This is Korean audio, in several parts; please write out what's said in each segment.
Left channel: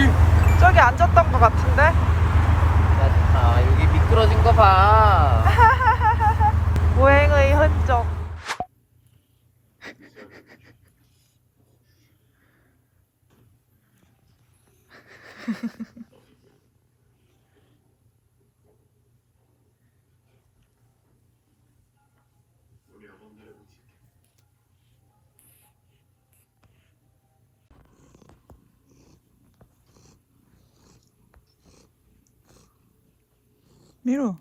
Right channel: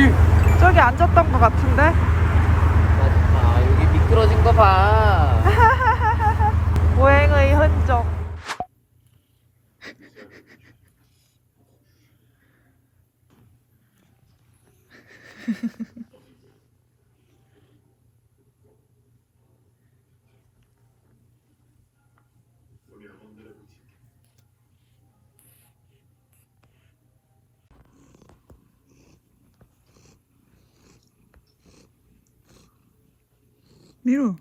다쳤던 것 같은데? 아, 여기 미끄러진 거 봐. 보행의 흔적. 미루.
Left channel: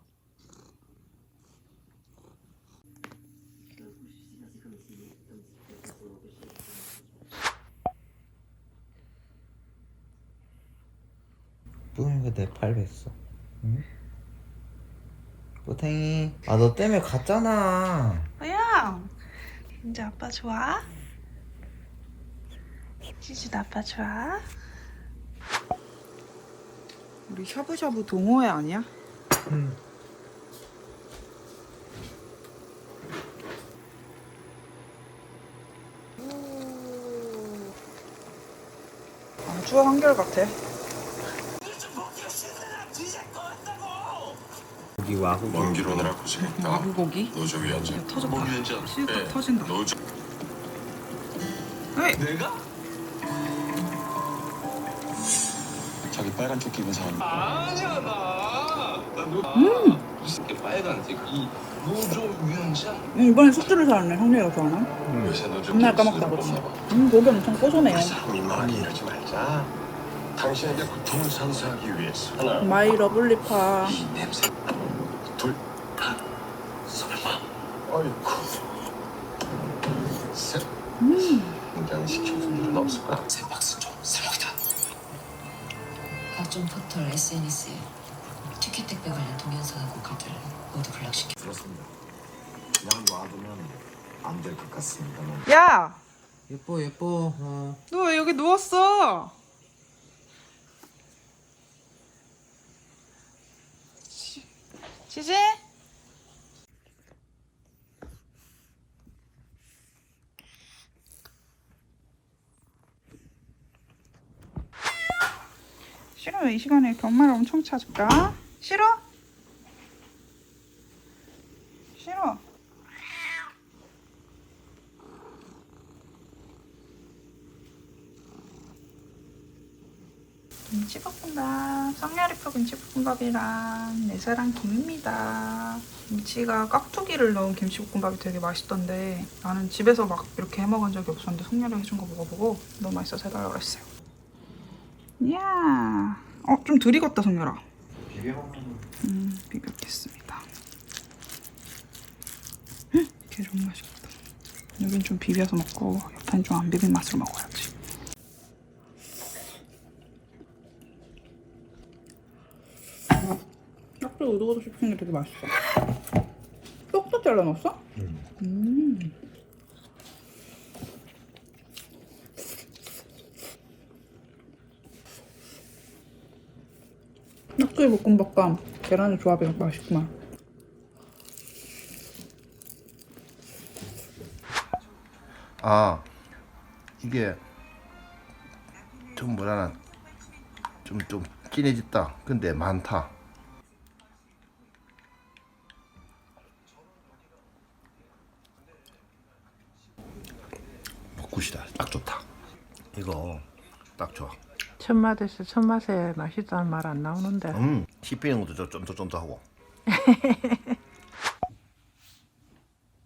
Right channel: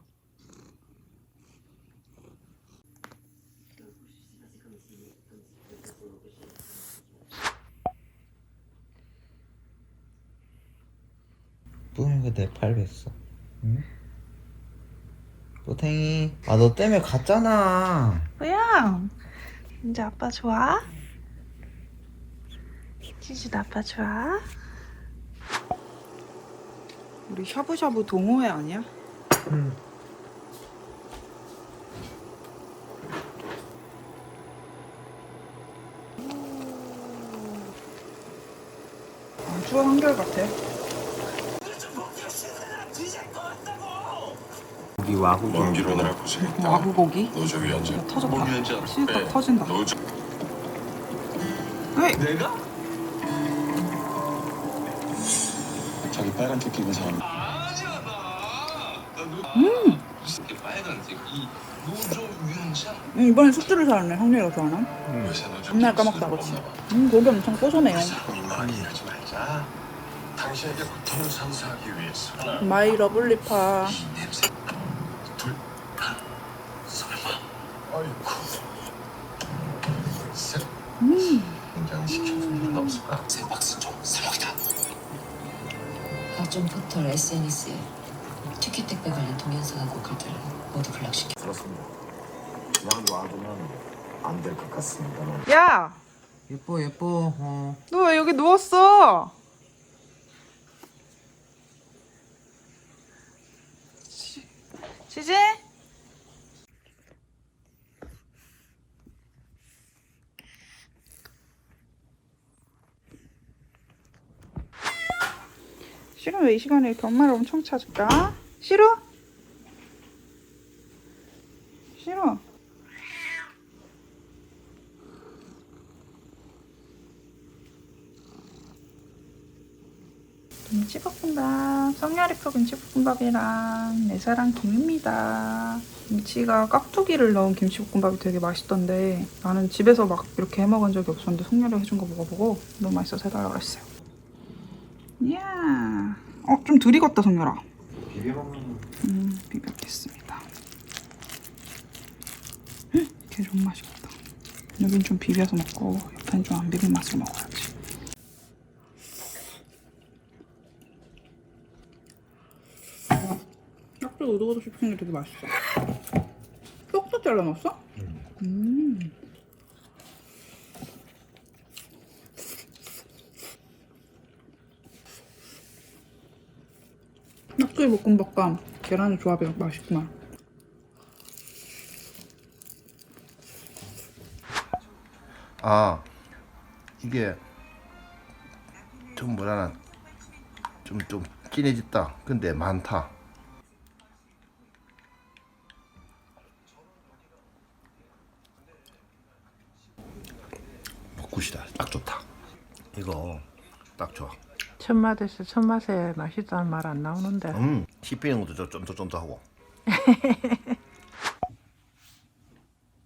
뿡이가 내팔 뱉어. 응? 꼬탱이. 아, 너 때문에 갔잖아. 뭐야? 이제 아빠 좋아? 키즈도 아빠 좋아? 우리 샤브샤브 동호회 아니야? 응. 안주가 한결 같아. 여기 와구기. 먼 길 오느라 고생했다. 와구고기? 너 저기 앉아. 터졌다. 수육밥 터진다. 너 저... 어이! 내가? 저기 빨간 토끼 입은 사람. 음, 이번엔 숙주를 사왔네. 형님이가 좋아하나? 맨날 까먹다 그치? 음, 고기 엄청 고소네요. 당신에게 두 선사기 위해서 마이 러블리파. 각종 포털 SNS에 티켓 택배 관련 동영상하고 글들을 모두 블락시켜 그렇습니다. 그냥 놔두면 안 될 것 같습니다만. 야! 예뻐, 예뻐. 어. 너 왜 여기 누웠어? 시- 시지? 싫어 왜이 시간에 경마를 엄청 찾을까? 싫어? 싫어 김치볶음밥, 성야리포 김치볶음밥이랑 내 사랑 김입니다. 김치가 깍두기를 넣은 김치볶음밥이 되게 맛있던데 나는 집에서 막 이렇게 해먹은 적이 없었는데 성야리 해준 거 먹어보고 너무 맛있어서 해달라고 했어. 이야, 어, 좀덜 익었다 성열아. 비벼 먹는 음, 비볐겠습니다. 음, 되게 좋은 맛이겠다. 여긴 좀 비벼서 먹고 옆엔 좀 안 비빈 맛으로 먹어야지. 깍두기 우두고도 씹히는 게 되게 맛있어. 쏙쏙 잘라 넣었어? 음. 깍두기 볶음밥과 계란의 조합이 맛있구만. 아 이게 좀 뭐라나 좀좀 진해졌다. 근데 많다. 먹굿이다. 딱 좋다. 이거 딱 좋아 첫 맛에서 첫 맛에 맛있다는 말 안 나오는데 음 씹히는 것도 좀 쫀쫀쫀하고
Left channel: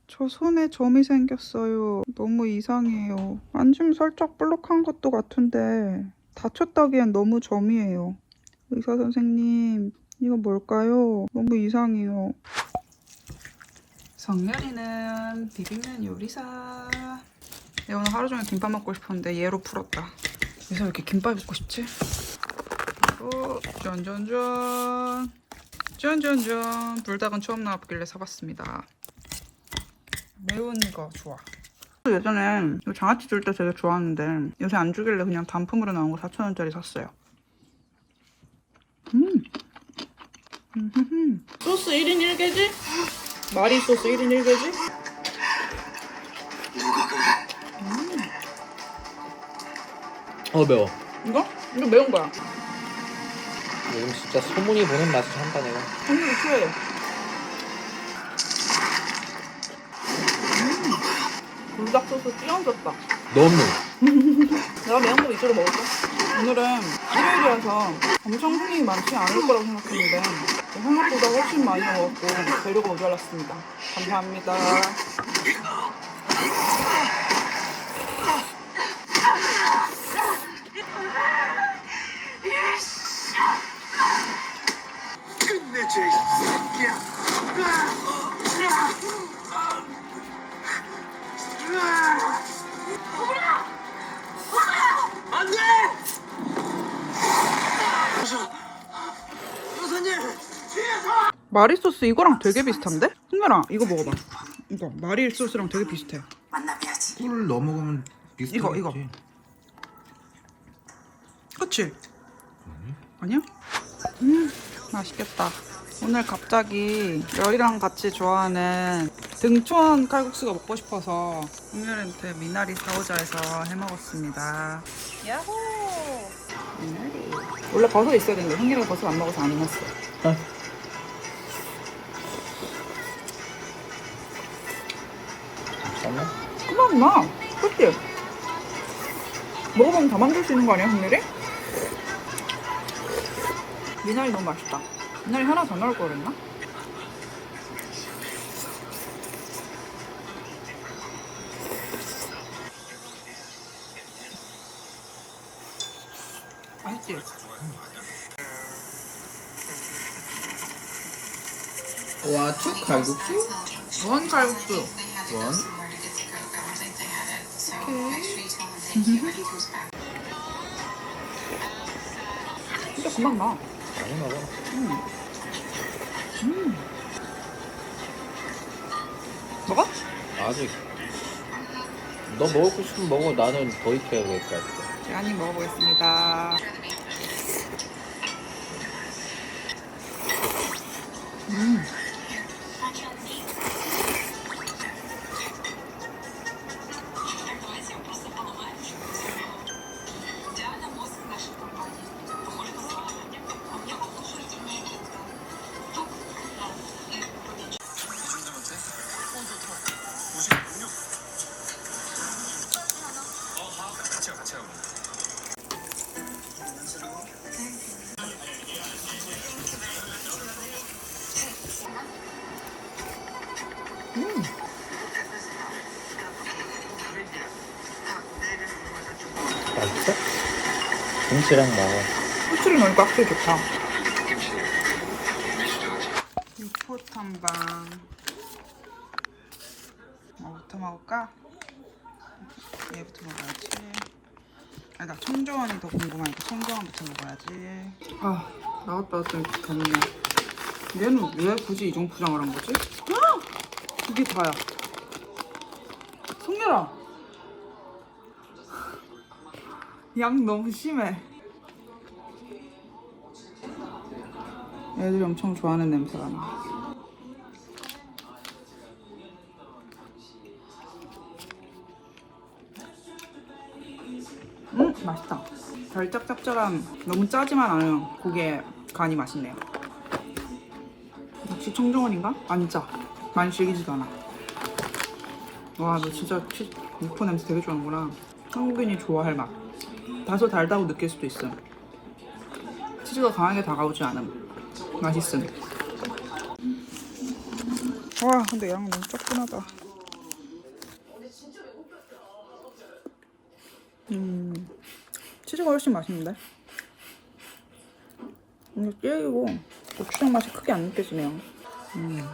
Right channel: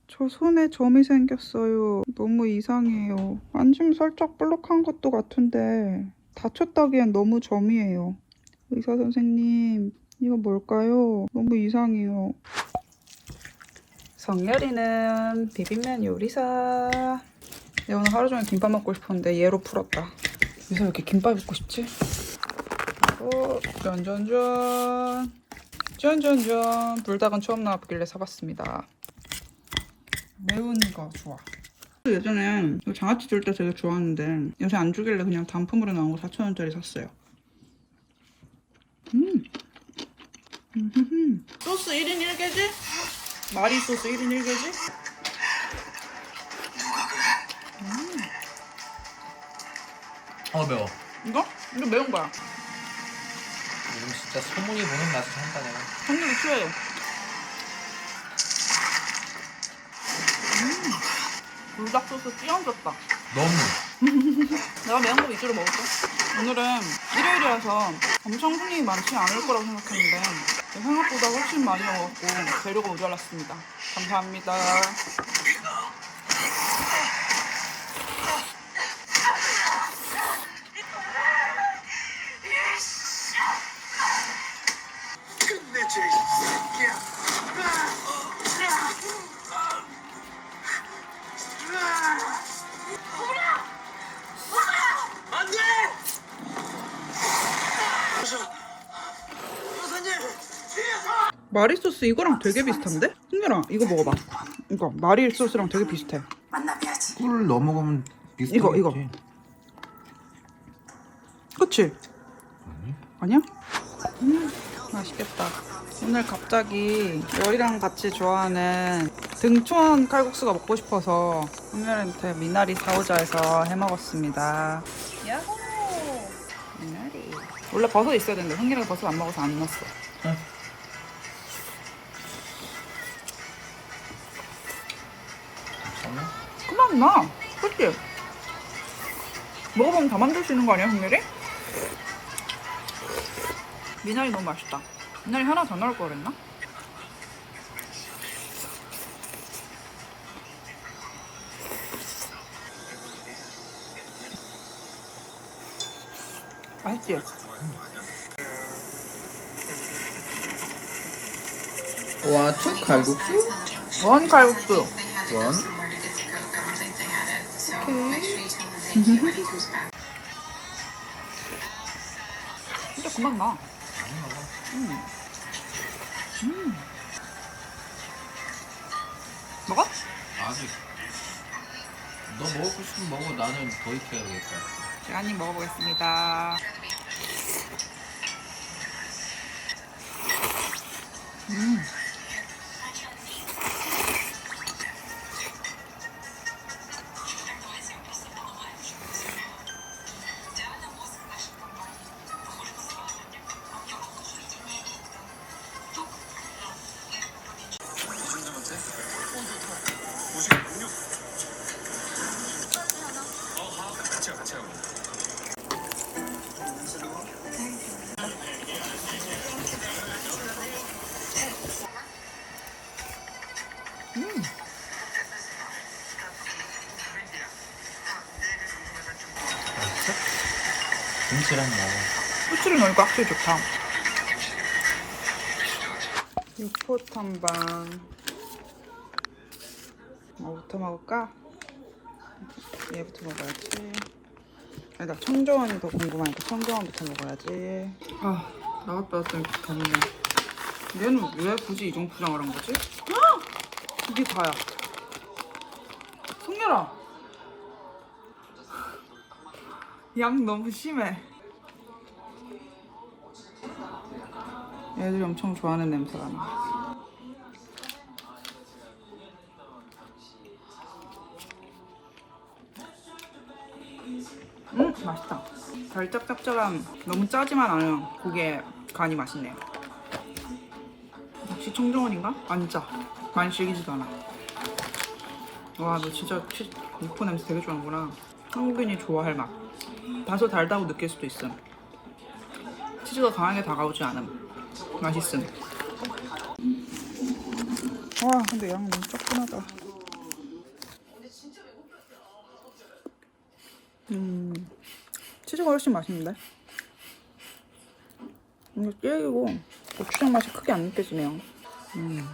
저 손에 점이 생겼어요. 너무 이상해요. 만지면 살짝 볼록한 것도 같은데 다쳤다기엔 너무 점이에요. 의사 선생님, 이거 뭘까요? 너무 이상해요. 성열이는 비빔면 요리사. 내가 오늘 하루 종일 김밥 먹고 싶었는데 얘로 풀었다. 요새 왜 이렇게 김밥 먹고 싶지? 어, 짠짠짠. 짠짠짠. 불닭은 처음 나왔길래 사봤습니다. 매운 거 좋아. 예전에 장아찌 줄 때 되게 좋아하는데 요새 안 주길래 그냥 단품으로 나온 거 4,000원짜리 샀어요. 음. 음흠흠. 소스 1인 1개지? 마리 소스 1인 1개지? 어, 매워. 이거? 이거 매운 거야. 이건 진짜 소문이 보는 맛을 한다 내가. 한입에 취해. 음, 불닭 소스 띄얹었다. 너무. 내가 매운 거 위주로 먹을게. 오늘은 일요일이라서 엄청 손님이 많지 않을 거라고 생각했는데 생각보다 훨씬 많이 먹었고 재료가 모자랐습니다. 감사합니다. 마리 소스 이거랑 되게 비슷한데? 승렬아 이거 먹어봐. 이거 마리 소스랑 되게 비슷해. 꿀 넣어 먹으면 비슷하겠지. 이거, 이거. 그치? 아니야? 음, 맛있겠다. 오늘 갑자기 열이랑 같이 좋아하는 등촌 칼국수가 먹고 싶어서 오늘한테 미나리 사오자 해서 해 먹었습니다. 야호! 미나리. 원래 버섯 있어야 되는데 성기이가 버섯 안 먹어서 안 넣었어. 잠 나. 그치? 먹어보면 다 만들 수 있는 거 아니야, 성렬이? 미나리 너무 맛있다. 미나리 하나 더 넣을 걸 그랬나? 맛있지? 와초 칼국수? 원 칼국수. 원. 진짜 그만 나. 많이 먹어. 먹어? 아직. 너 먹고 싶으면 먹어. 나는 거의 해야 될것 같아. 제가 한입 먹어보겠습니다. 음. 김치랑 먹어. 후추를 넣으니까 확실히 좋다. 육포탕방. 뭐부터 먹을까? 얘부터 먹어야지. 그러니까 청조원이 더 궁금하니까 청조원부터 먹어야지. 아, 나갔다 왔더니 덥네. 얘는 왜 굳이 이종 포장을 한 거지? 헉! 이게 다야. 송렬아! 양 너무 심해. 애들이 엄청 좋아하는 냄새가 나. 음, 맛있다. 달짝짭짤한 너무 짜지만 않은 고기의 간이 맛있네요. 역시 청정원인가? 안 짜. 많이 질기지도 않아. 와, 너 진짜 치, 육포 냄새 되게 좋아하는구나. 한국인이 좋아할 맛. 다소 달다고 느낄 수도 있음. 치즈가 강하게 다가오지 않음. 맛있음. 와, 근데 양 너무 조그마다. 음, 치즈가 훨씬 맛있는데? 이게 질기고 고추장 맛이 크게 안 느껴지네요. 음.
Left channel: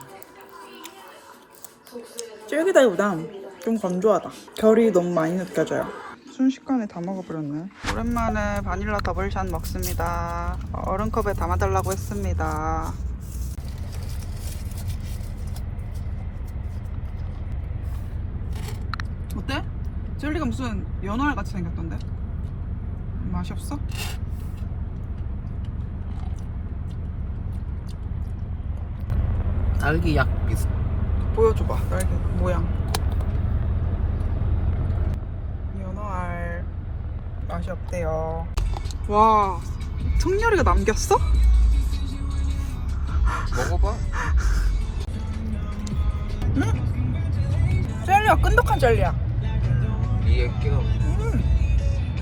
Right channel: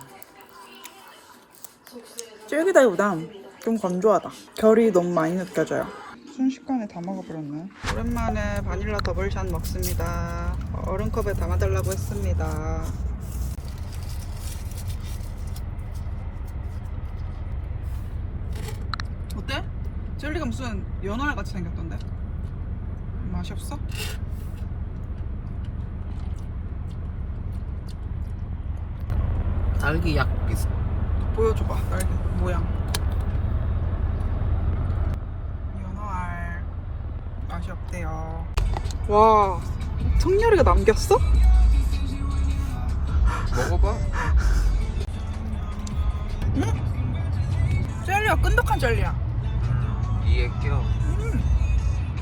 질기다기보다 좀 건조하다. 결이 너무 많이 느껴져요. 순식간에 다 먹어버렸네. 오랜만에 바닐라 더블샷 먹습니다. 얼음컵에 담아달라고 했습니다. 어때? 젤리가 무슨 연어알 같이 생겼던데? 맛이 없어? 딸기 약. 보여줘봐 빨리 모양 연어알 맛이 없대요 와, 청열이가 남겼어? 먹어봐. 젤리야, 끈덕한 젤리야. 이게 껴.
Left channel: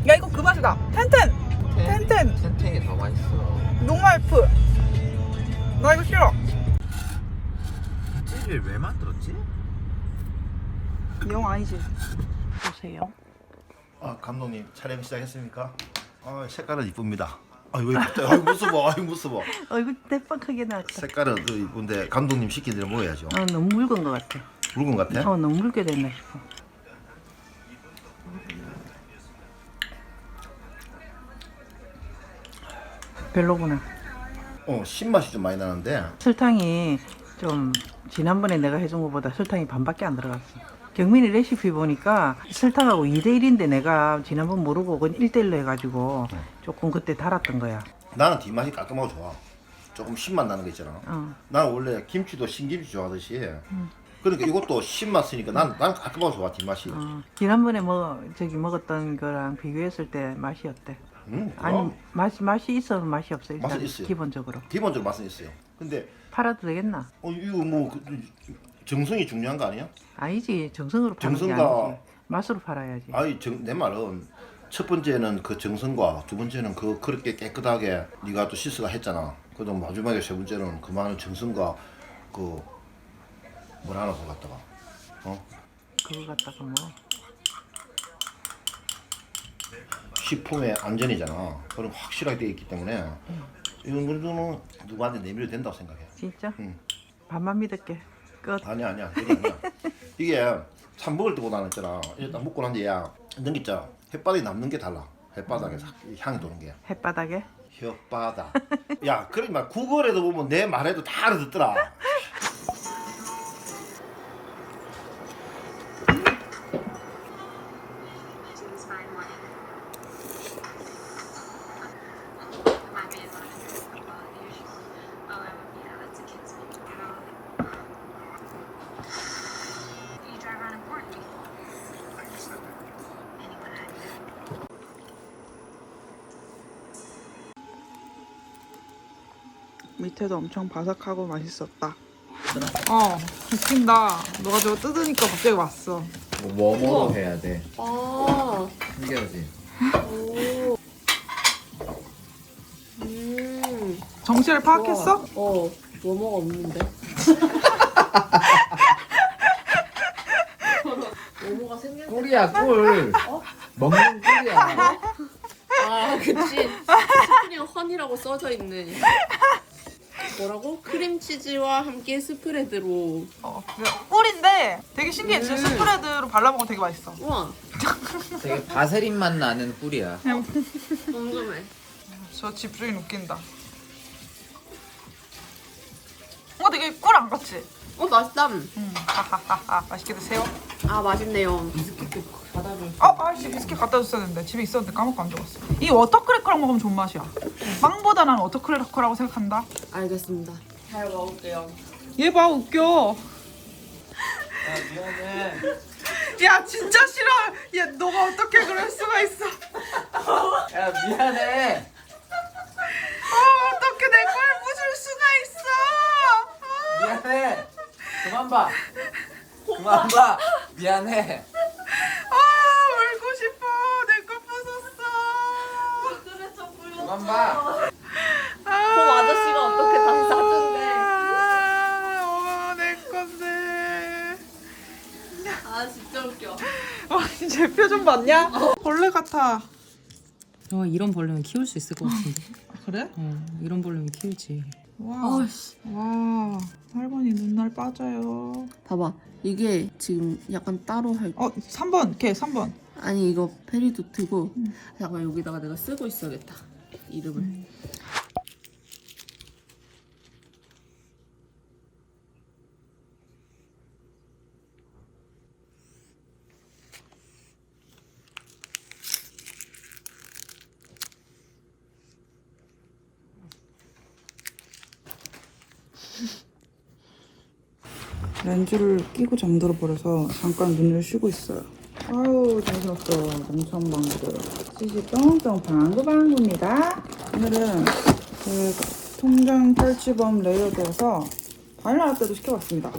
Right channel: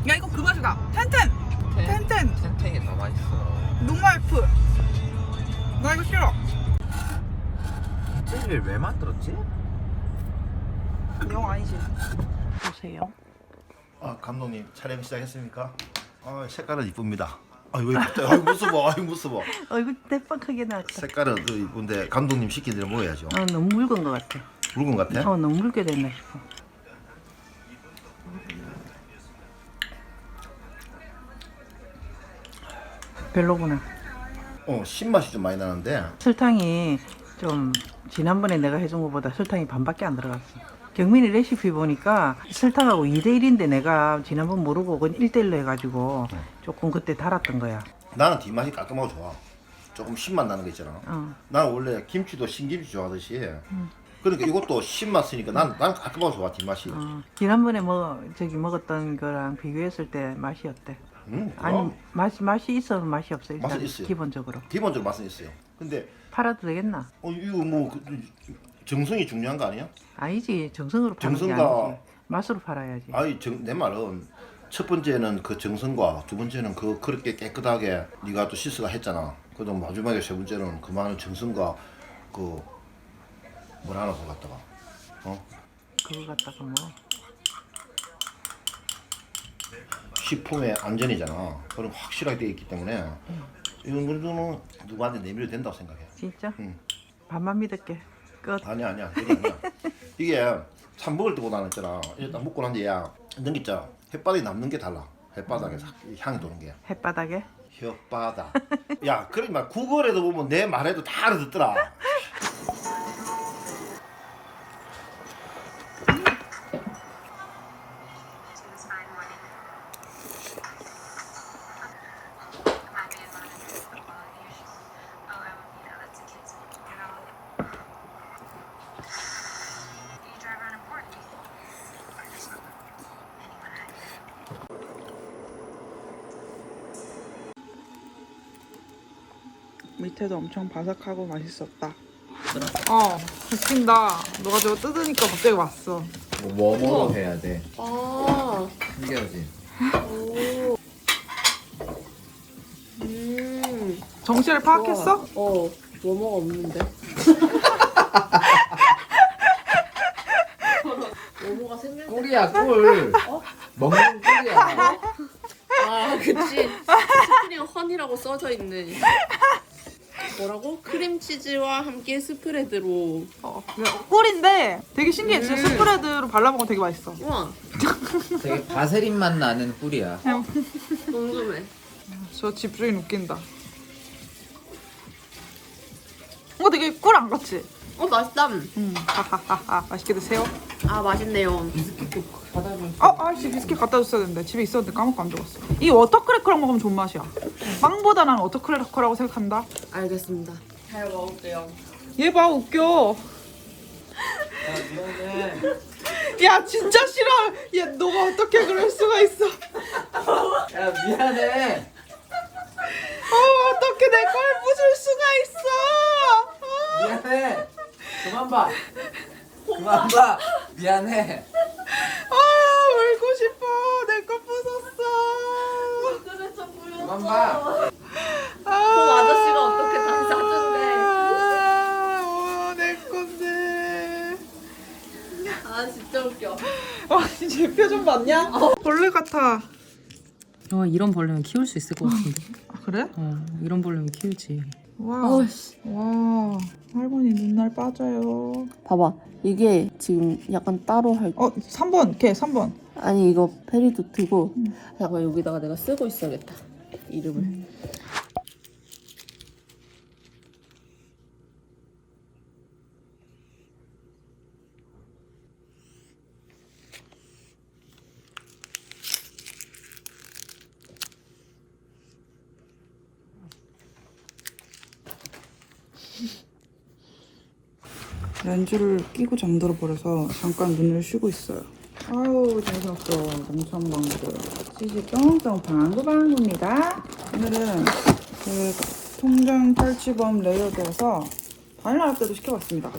야, 이거 그 맛이다. 텐텐! 텐텐! 텐텐이 더 맛있어. 농알프. 나 이거 싫어. 젤리를 왜 만들었지? 영 아니지. 보세요. 아 감독님 촬영 시작했습니까? 아 색깔은 이쁩니다. 아이고 갑자기 아이고 무서워 아이고 무서워. 얼굴 대빵하게 나왔다. 색깔은 또 이쁜데 감독님 시킨 대로 먹어야죠. 어, 너무 묽은 것 같아. 것 같아? 어, 너무 묽게 됐나 싶어. 별로구나. 어 신맛이 좀 많이 나는데 설탕이 좀 지난번에 내가 해준 것보다 설탕이 반밖에 안 들어갔어. 경민이 레시피 보니까 설탕하고 2대1인데 내가 지난번 모르고 그건 1대1로 해가지고 조금 그때 달았던 거야. 나는 뒷맛이 깔끔하고 좋아. 조금 신맛 나는 거 있잖아. 어. 나는 원래 김치도 신김치 좋아하듯이. 그러니까 이것도 신맛 쓰니까 난, 난 깔끔하고 좋아 뒷맛이. 어. 지난번에 뭐 저기 먹었던 거랑 비교했을 때 맛이 어때? 음, 아니 그럼 맛이 맛이 있어 맛이 없어 일단 맛은 있어요. 기본적으로 기본적으로 맛은 있어요. 근데 팔아도 되겠나? 어, 이거 뭐 그, 정성이 중요한 거 아니야? 아니지 정성으로 파는 게 정성과- 아니지 맛으로 팔아야지. 아니 정, 내 말은 첫 번째는 그 정성과 두 번째는 그 그렇게 깨끗하게 네가 또 시스가 했잖아. 그다음 마지막에 세 번째는 그 많은 정성과 그 뭐라 하나 그거 갖다가 어 그거 갖다가 뭐 식품의 안전이잖아. 그럼 확실하게 돼 있기 때문에 이런 거는 누구한테 내밀어도 된다고 생각해. 진짜 응. 반만 믿을게. 끝. 아니야 아니야. 이게 참 먹을 때보다는 있잖아. 일단 먹고 난 뒤야 넘기자 햇바닥에 남는 게 달라. 햇바닥에서 이 향이 도는 게. 햇바닥에 혓바닥. 야, 그러니까 구글에도 보면 내 말해도 다 알아듣더라. 밑에도 엄청 바삭하고 맛있었다. 어, 좋습니다. 너가 저기 뜯으니까 갑자기 왔어. 웜으로 해야 돼. 아, 신기하지? 음. 정신을 파악했어? 어, 뭐뭐가 없는데. 뭐뭐가 생겼 꿀이야 꿀. 먹는 꿀이야. 아, 그치. 크림 헌이라고 써져 있네. 뭐라고? 크림치즈와 함께 스프레드로. 꿀인데 되게 신기해. 지금 스프레드로 발라먹으면 되게 맛있어. 우와. 되게 바세린 맛 나는 꿀이야. 궁금해. 저 집주인 웃긴다. 이거 되게 꿀 안 같지? 어, 맛있다. 음. 맛있게 드세요. 아, 맛있네요. 어, 아씨 비스킷 갖다 줬어야 되는데 집에 있었는데 까먹고 안 먹었어. 이 워터크래커랑 먹으면 좋은 맛이야. 빵보다는 워터크래커라고 생각한다. 알겠습니다. 잘 먹을게요. 얘 봐 웃겨. 야 진짜 싫어. 얘 너가 어떻게 그럴 수가 있어? 야 미안해. 어 어떻게 내 걸 부술 수가 있어? 어. 미안해. 그만 봐. 그만 봐. 미안해. 아 울고 싶어. 내거 부쉈어. 그만 봐. 아, 아저씨가 어떻게 다시 사준대. 아, 내 건데. 아, 진짜 웃겨. 어, 제 표정 봤냐? 벌레 같아. 어, 이런 벌레는 키울 수 있을 것 같은데. 아, 그래? 어, 이런 벌레는 키우지. 와. 와. 할머니 눈알 빠져요. 봐봐 이게 지금 약간 따로 할 어, 3번. 걔 3번. 아니 이거 페리도트고 잠깐 여기다가 내가 쓰고 있어야겠다 이름을 렌즈를 끼고 잠들어 버려서 잠깐 눈을 쉬고 있어요. 아유, 정신없어. 농촌방들. 이게 쫑쫑 방구방구입니다. 오늘은 그 통장 탈취범 레이어드에서 바닐라 라떼도 시켜봤습니다.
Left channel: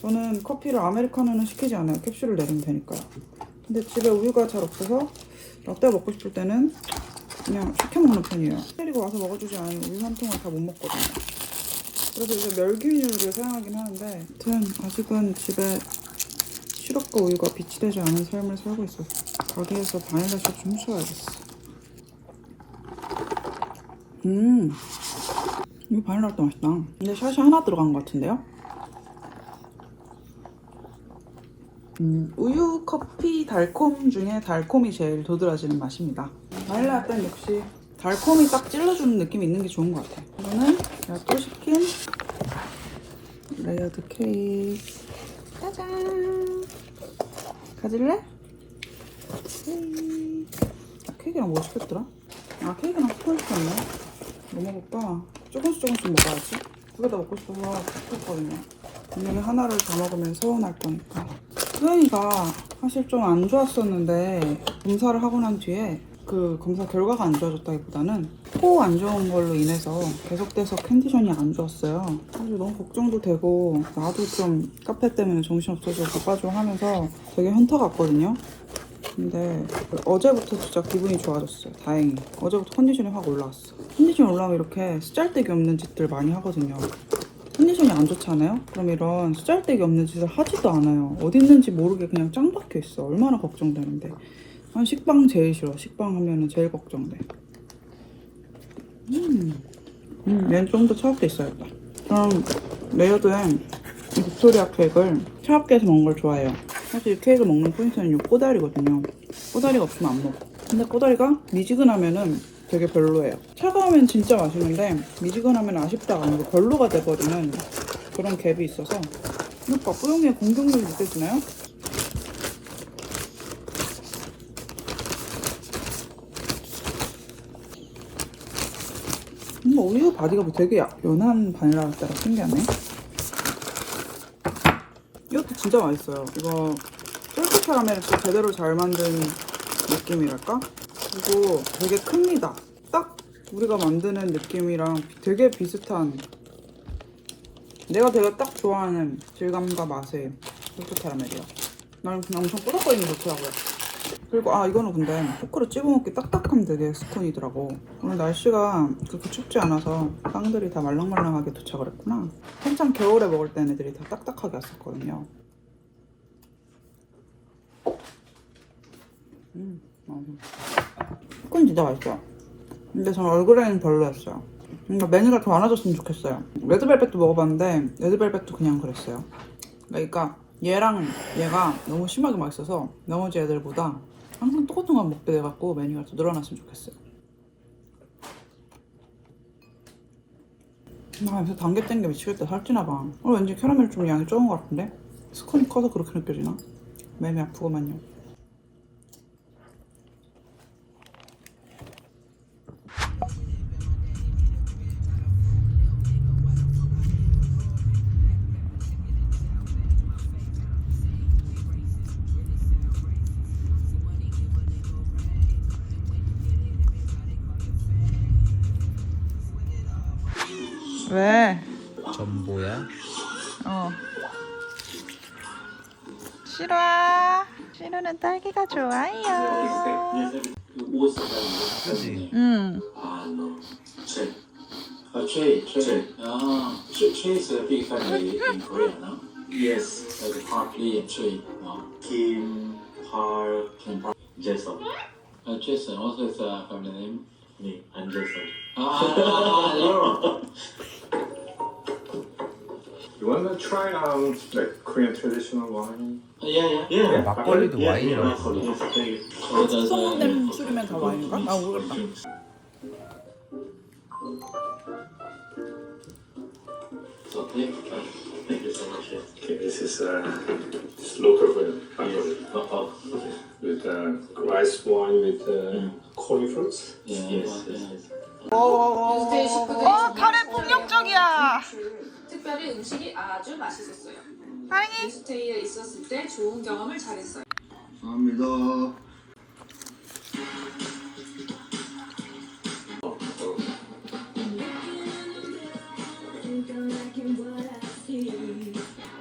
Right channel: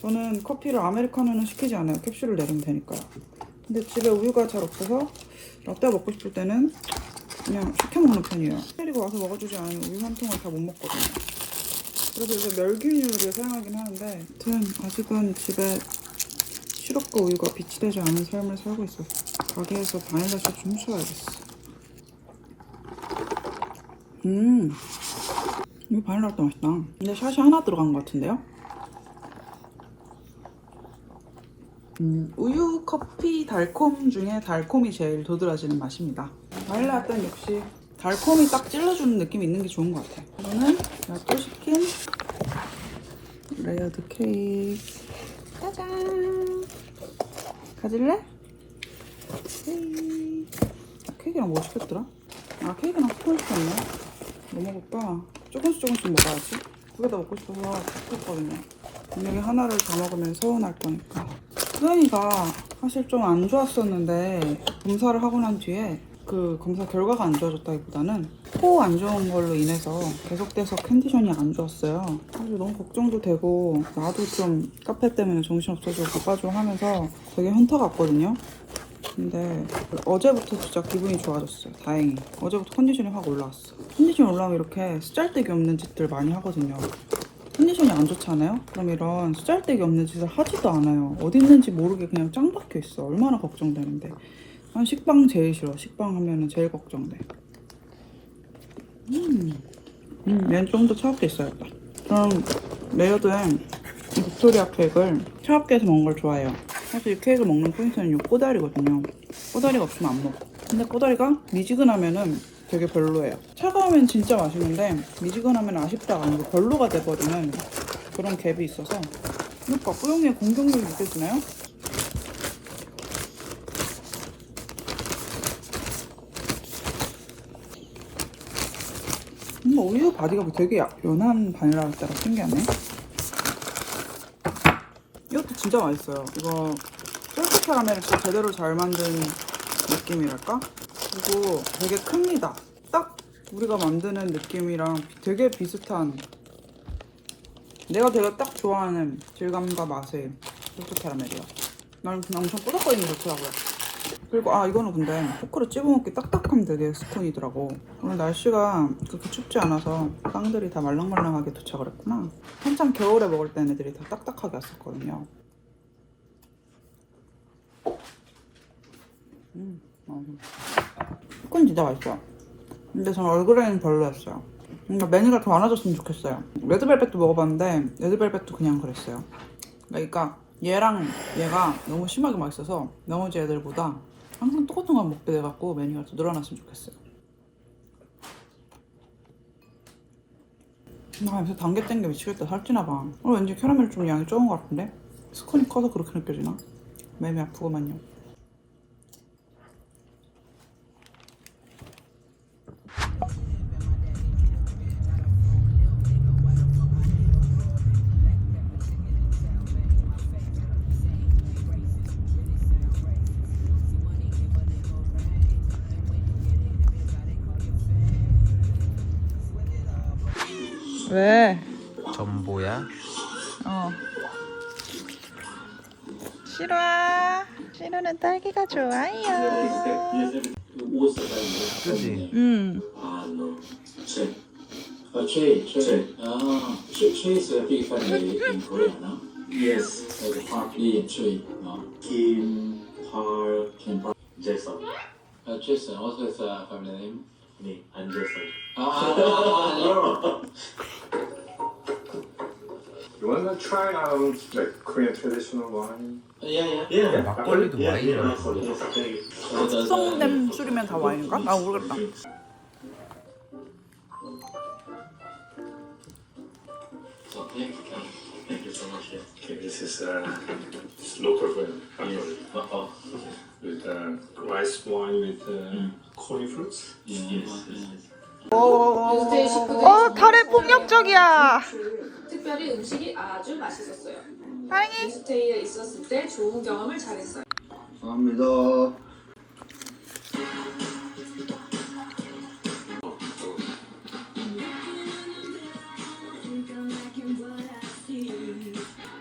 저는 커피를 아메리카노는 시키지 않아요. 캡슐을 내리면 되니까요. 근데 집에 우유가 잘 없어서 라떼 먹고 싶을 때는 그냥 시켜 먹는 편이에요. 때리고 와서 먹어주지 않으면 우유 한 통을 다 못 먹거든요. 그래서 이제 멸균유를 사용하긴 하는데 아무튼 아직은 집에 시럽과 우유가 비치되지 않은 삶을 살고 있어서 가게에서 바닐라 샷좀 훔쳐야겠어. 음, 이거 바닐라 라떼 맛있다. 근데 샷이 하나 들어간 것 같은데요? 음, 우유, 커피, 달콤 중에 달콤이 제일 도드라지는 맛입니다. 바닐라 라떼는 역시 달콤이 딱 찔러주는 느낌이 있는 게 좋은 것 같아. 이거는 내가 또 시킨 레이어드 케이크. 짜잔! 가질래? 아, 케이크랑 뭐 시켰더라? 아, 케이크랑 스콘 시켰네. 뭐 먹을까? 조금씩 조금씩 먹어야지. 그러다 먹고 싶어서 시켰거든요. 분명히 하나를 다 먹으면 서운할 거니까. 수연이가 사실 좀 안 좋았었는데 검사를 하고 난 뒤에 그 검사 결과가 안 좋아졌다기보다는 코 안 좋은 걸로 인해서 계속돼서 컨디션이 안 좋았어요. 사실 너무 걱정도 되고 나도 좀 카페 때문에 정신없어서 바빠지고 하면서 되게 현타 갔거든요. 근데 어제부터 진짜 기분이 좋아졌어요. 다행히. 어제부터 컨디션이 확 올라왔어. 컨디션이 올라오면 이렇게 쓰잘데기 없는 짓들 많이 하거든요. 컨디션이 안 좋잖아요? 그럼 이런 쓰잘데기 없는 짓을 하지도 않아요. 어디 있는지 모르게 그냥 짱 박혀 있어. 얼마나 걱정되는데. 난 식빵 제일 싫어. 식빵 하면은 제일 걱정돼. 음, 음, 얘는 좀더 차갑게 있어야겠다. 저는 레이어드에 이 빅토리아 케이크를 차갑게 해서 먹는 걸 좋아해요. 사실 이 케이크 먹는 포인트는 이 꼬다리거든요. 꼬다리가 없으면 안 먹어. 근데 꼬다리가 미지근하면은 되게 별로예요. 차가우면 진짜 맛있는데 미지근하면 아쉽다가 아니고 별로가 돼버리는 그런 갭이 있어서 그러니까 뿌용이의 공격력이 느껴지나요? 우유 바디가 되게 야- 연한 바닐라 라떼라 신기하네. 이것도 진짜 맛있어요. 이거 솔트 캐러멜을 제대로 잘 만든 느낌이랄까? 그리고 되게 큽니다. 딱 우리가 만드는 느낌이랑 되게 비슷한 내가 되게 딱 좋아하는 질감과 맛의 솔트 캐러멜이야. 난 그냥 엄청 꾸덕거리는 게 좋더라고요. 그리고 아 이거는 근데 포크로 찍어먹기 딱딱함 되게 스콘이더라고. 오늘 날씨가 그렇게 춥지 않아서 빵들이 다 말랑말랑하게 도착을 했구나. 한창 겨울에 먹을 땐 애들이 다 딱딱하게 왔었거든요. 음, 맛있어. 스콘 진짜 맛있어요. 근데 저는 얼그레이는 별로였어요. 뭔가 메뉴가 더 많아졌으면 좋겠어요. 레드벨벳도 먹어봤는데 레드벨벳도 그냥 그랬어요. 그러니까 얘랑 얘가 너무 심하게 맛있어서 나머지 애들보다 항상 똑같은 걸 먹게 돼갖고 메뉴가 더 늘어났으면 좋겠어요. 아 요새 단계 뗀게 미치겠다 살찌나 봐. 오늘 왠지 캐러멜 좀 양이 적은 것 같은데? 스콘이 커서 그렇게 느껴지나? 매미 아프구만요. 싫어는 딸기가 좋아요. 그지? 음. Uh, Trey, Trey. Ah, Trey, Trey is a big family in Korea, no? Yes. Like Park Lee and Trey. Uh, Kim, Park, Kim Park, Jason. Uh, Jason, what is the family name? Me, I'm Jason. Ah, no. You wanna try out like Korean traditional wine? 막걸리도 와인이라고 부르죠. uh, 숙성된 술이면 다 와인인가? 아 모르겠다. this is uh, local wine with uh, rice wine with uh. 어, 카레 폭력적이야. 특별히 음식이 아주 맛있었어요. 사랑해. 스테이에 있었을 때 좋은 경험을 잘했어요. 감사합니다.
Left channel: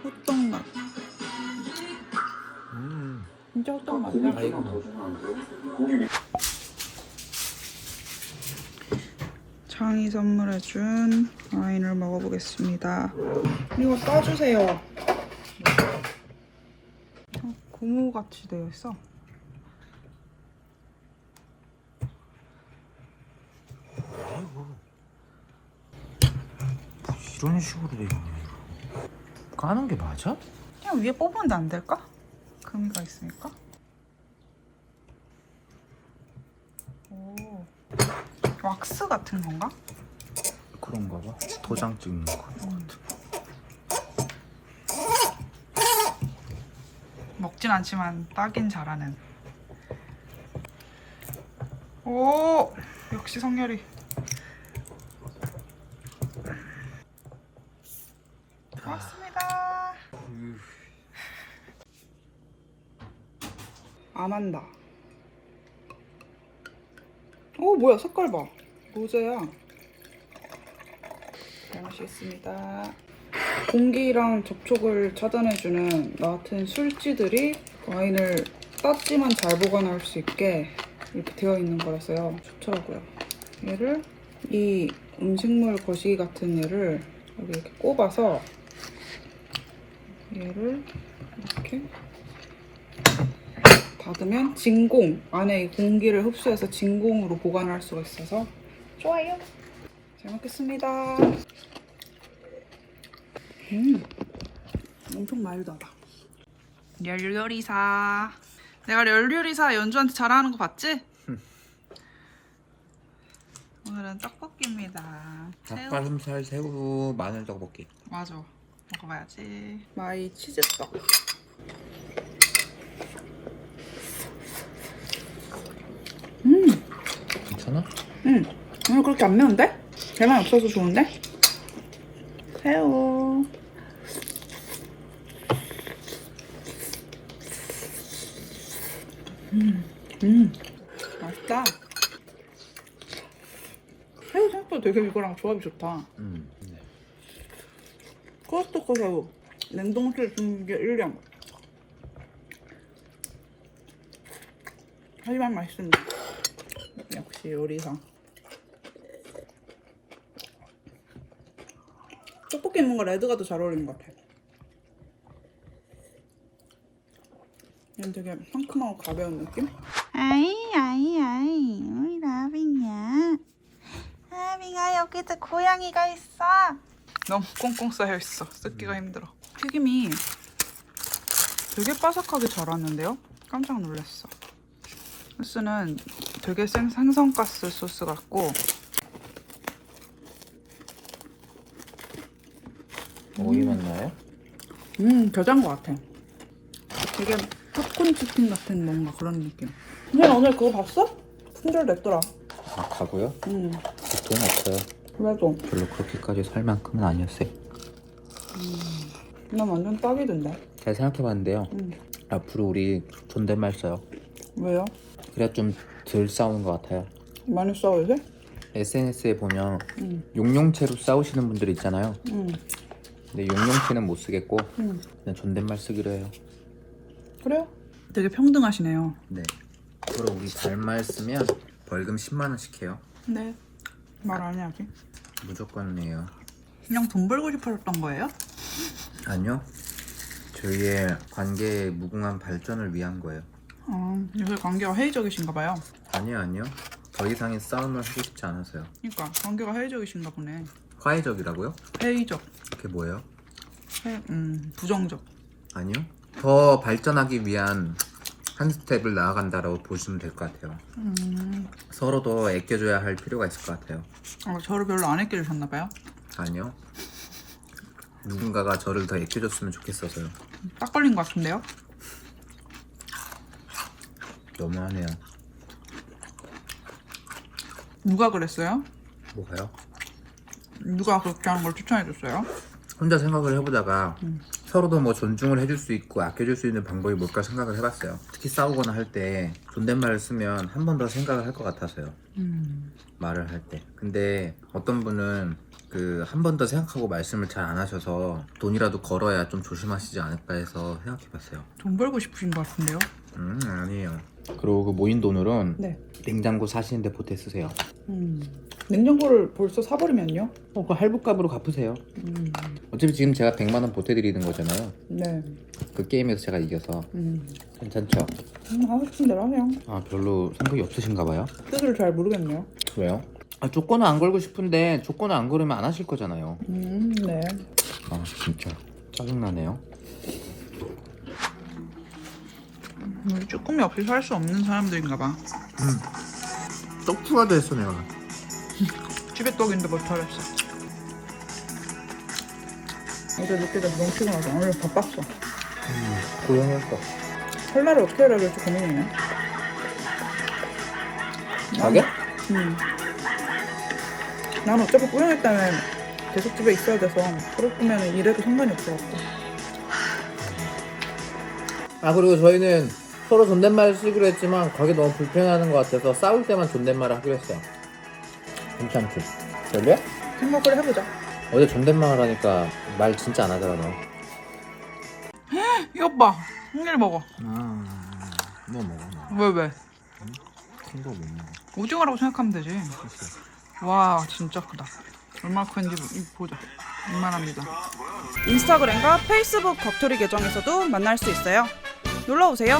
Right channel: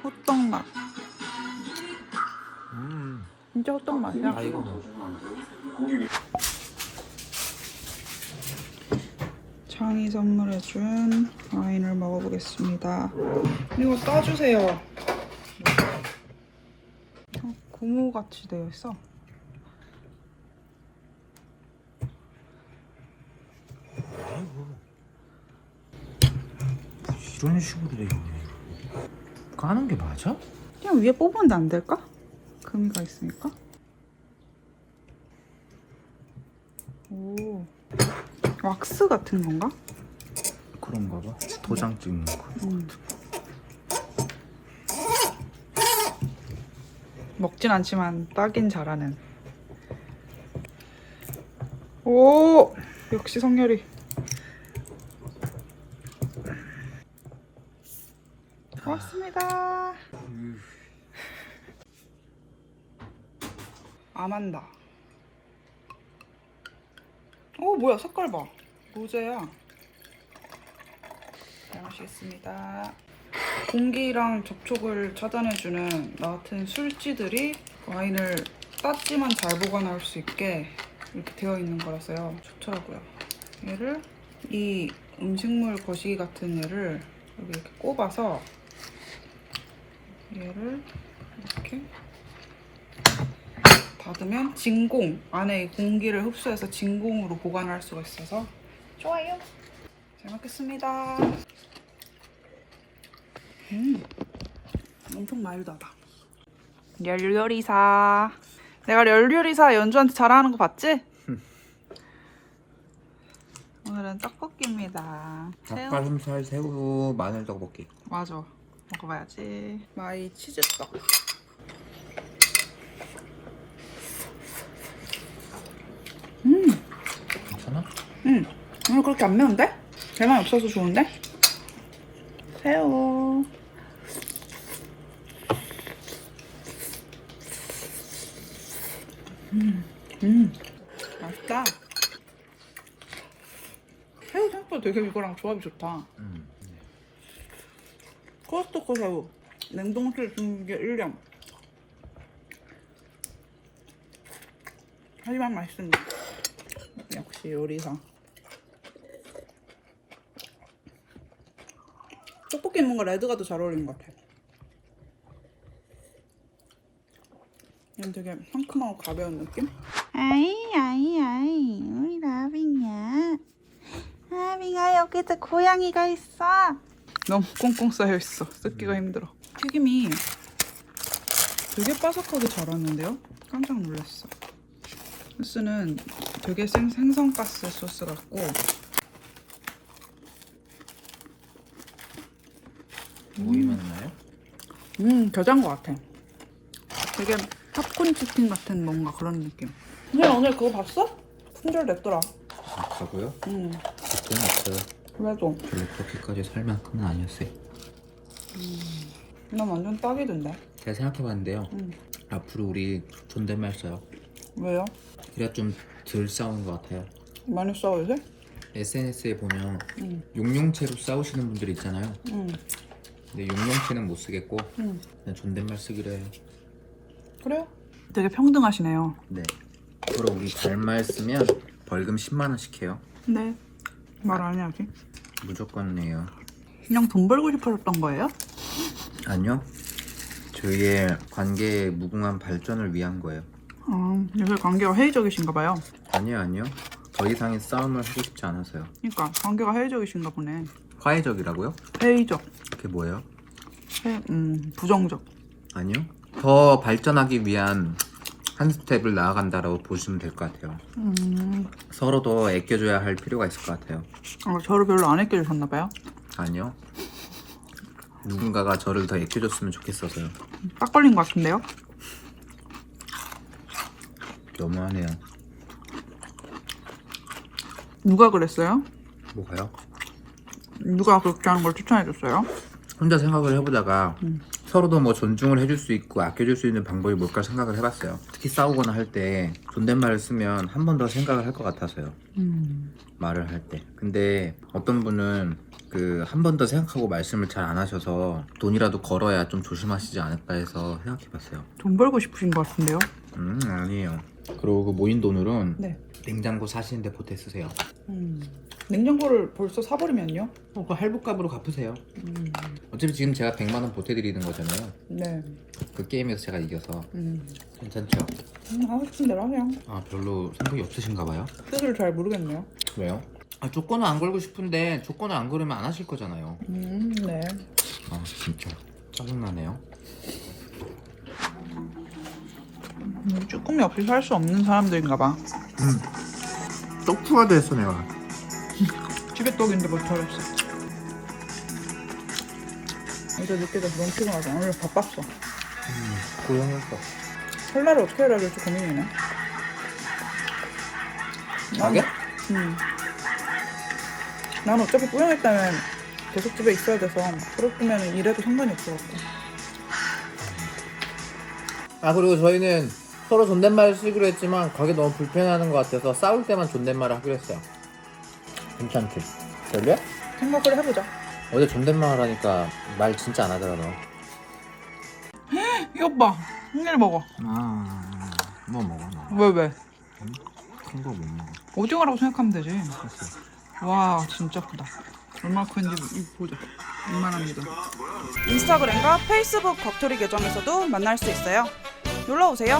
호떡 맛. 음. 진짜 호떡 맛이야. 아 이거 뭐. 창이 선물해준 와인을 먹어보겠습니다. 이거 따주세요. 어, 고무같이 되어 있어. 이런 식으로 돼 있네 까는 게 맞아? 그냥 위에 뽑으면 안 될까? 금이 다 있으니까. 오. 왁스 같은 건가? 그런가 봐 도장 찍는 거 음. 먹진 않지만 따긴 잘하는. 오 역시 성렬이. 고맙습니다. 아만다. 오 뭐야 색깔 봐. 로제야. 잘 마시겠습니다. 공기랑 접촉을 차단해주는 나 같은 술지들이 와인을 땄지만 잘 보관할 수 있게 이렇게 되어 있는 거라서요. 좋더라고요. 얘를 이 음식물 거시기 같은 얘를 여기 이렇게 꼽아서 얘를 이렇게 닫으면 진공 안에 이 공기를 흡수해서 진공으로 보관할 수가 있어서 좋아요. 잘 먹겠습니다. 음, 엄청 마일드하다. 열요리사. 내가 열요리사 연주한테 잘하는 거 봤지? 오늘은 떡볶이입니다. 닭가슴살 새우 마늘 떡볶이 맞아. 먹어봐야지. 마이 치즈떡. 음, 괜찮아? 음. 오늘 그렇게 안 매운데? 배만 없어서 좋은데? 새우. 음, 음, 맛있다. 새우 생각보다 되게 이거랑 조합이 좋다. 음. 코스트코 새우. 냉동실 두는 게 1년. 하지만 맛있습니다. 역시 요리사. 떡볶이 뭔가 레드가 더 잘 어울리는 것 같아. 얘는 되게 상큼하고 가벼운 느낌? 아이 아이 아이 우리 라빈이야. 라빈아 여기도 고양이가 있어. 너무 꽁꽁 쌓여있어. 쓰기가 힘들어. 튀김이 되게 바삭하게 잘 왔는데요? 깜짝 놀랐어. 소스는 되게 생, 생선가스 소스 같고. 어디 만나요? 음 겨자인 것 같아. 되게 팝콘 치킨 같은 뭔가 그런 느낌 근데 오늘 그거 봤어? 품절 냈더라 아 가고요? 음돈 없어요 그래도 별로 그렇게까지 살 만큼은 아니었어요 난 완전 딱이던데 잘 생각해봤는데요 음. 앞으로 우리 존댓말 써요 왜요? 그래야 좀덜 싸우는 것 같아요 많이 싸워요? SNS에 보면 응. 용용체로 싸우시는 분들 있잖아요 응. 근데 용용체는 못 쓰겠고 응. 그냥 존댓말 쓰기로 해요 그래요? 되게 평등하시네요 네 앞으로 우리 반말 쓰면 벌금 10만 원씩 해요 네. 말 안 해야지. 무조건 내요 그냥 돈 벌고 싶어졌던 거예요? 아니요 저희의 관계의 무궁한 발전을 위한 거예요 아, 요새 관계가 회의적이신가 봐요. 아니요 아니요 더 이상의 싸움을 하고 싶지 않아서요 그러니까 관계가 회의적이신가 보네. 화해적이라고요? 회의적. 그게 뭐예요? 회, 음, 부정적. 아니요 더 발전하기 위한 한 스텝을 나아간다라고 보시면 될 것 같아요 음, 서로 더 애껴줘야 할 필요가 있을 것 같아요 아, 저를 별로 안 아껴주셨나 봐요. 아니요 누군가가 저를 더 애껴줬으면 좋겠어서요 딱 걸린 것 같은데요? 너무하네요 누가 그랬어요? 뭐가요? 누가 그렇게 하는 걸 추천해줬어요? 혼자 생각을 해보다가 음. 서로도 뭐 존중을 해줄 수 있고 아껴줄 수 있는 방법이 뭘까 생각을 해봤어요. 특히 싸우거나 할 때 존댓말을 쓰면 한 번 더 생각을 할 것 같아서요. 음, 말을 할 때. 근데 어떤 분은 그 한 번 더 생각하고 말씀을 잘 안 하셔서 돈이라도 걸어야 좀 조심하시지 않을까 해서 생각해봤어요. 돈 벌고 싶으신 것 같은데요? 음 아니에요. 그리고 그 모인 돈으로는 네. 냉장고 사시는데 보태 쓰세요. 음. 냉장고를 벌써 사버리면요? 어, 그 할부값으로 갚으세요. 음. 어차피 지금 제가 100만 원 보태드리는 거잖아요. 네. 그 게임에서 제가 이겨서 음. 괜찮죠? 음, 하고 싶은 대로 하세요. 아 별로 성격이 없으신가 봐요. 뜻을 잘 모르겠네요. 왜요? 아, 조건은 안 걸고 싶은데 조건을 안 걸으면 안 하실 거잖아요. 음, 네. 아 진짜 짜증나네요. 우리 쭈꾸미 없이 살 수 없는 사람들인가 봐. 떡푸가 됐어 내가. 집에 떡인데 뭘 털었어. 어제 늦게 자서 너무 피곤해서 오늘 바빴어. 고생했어. 설날을 어떻게 해야 될지 고민이네. 가게? 음. 난 어차피 때는 계속 집에 있어야 돼서 그렇으면 일해도 상관이 없어갖고. 아 그리고 저희는 서로 존댓말 쓰기로 했지만 가게 너무 불편하는 것 같아서 싸울 때만 존댓말을 하기로 했어요. 괜찮지? 별로야? 생각을 해보자. 어제 존댓말 하니까 말 진짜 안 하더라 너. 이것 봐. 생일 먹어. 아, 뭐 먹어 너. 왜 왜? 큰거 못 먹어. 오징어라고 생각하면 되지. 와 진짜 크다. 얼마나 큰지 보자. 이만합니다. 인스타그램과 페이스북 겉토리 계정에서도 만날 수 있어요. 놀러 오세요.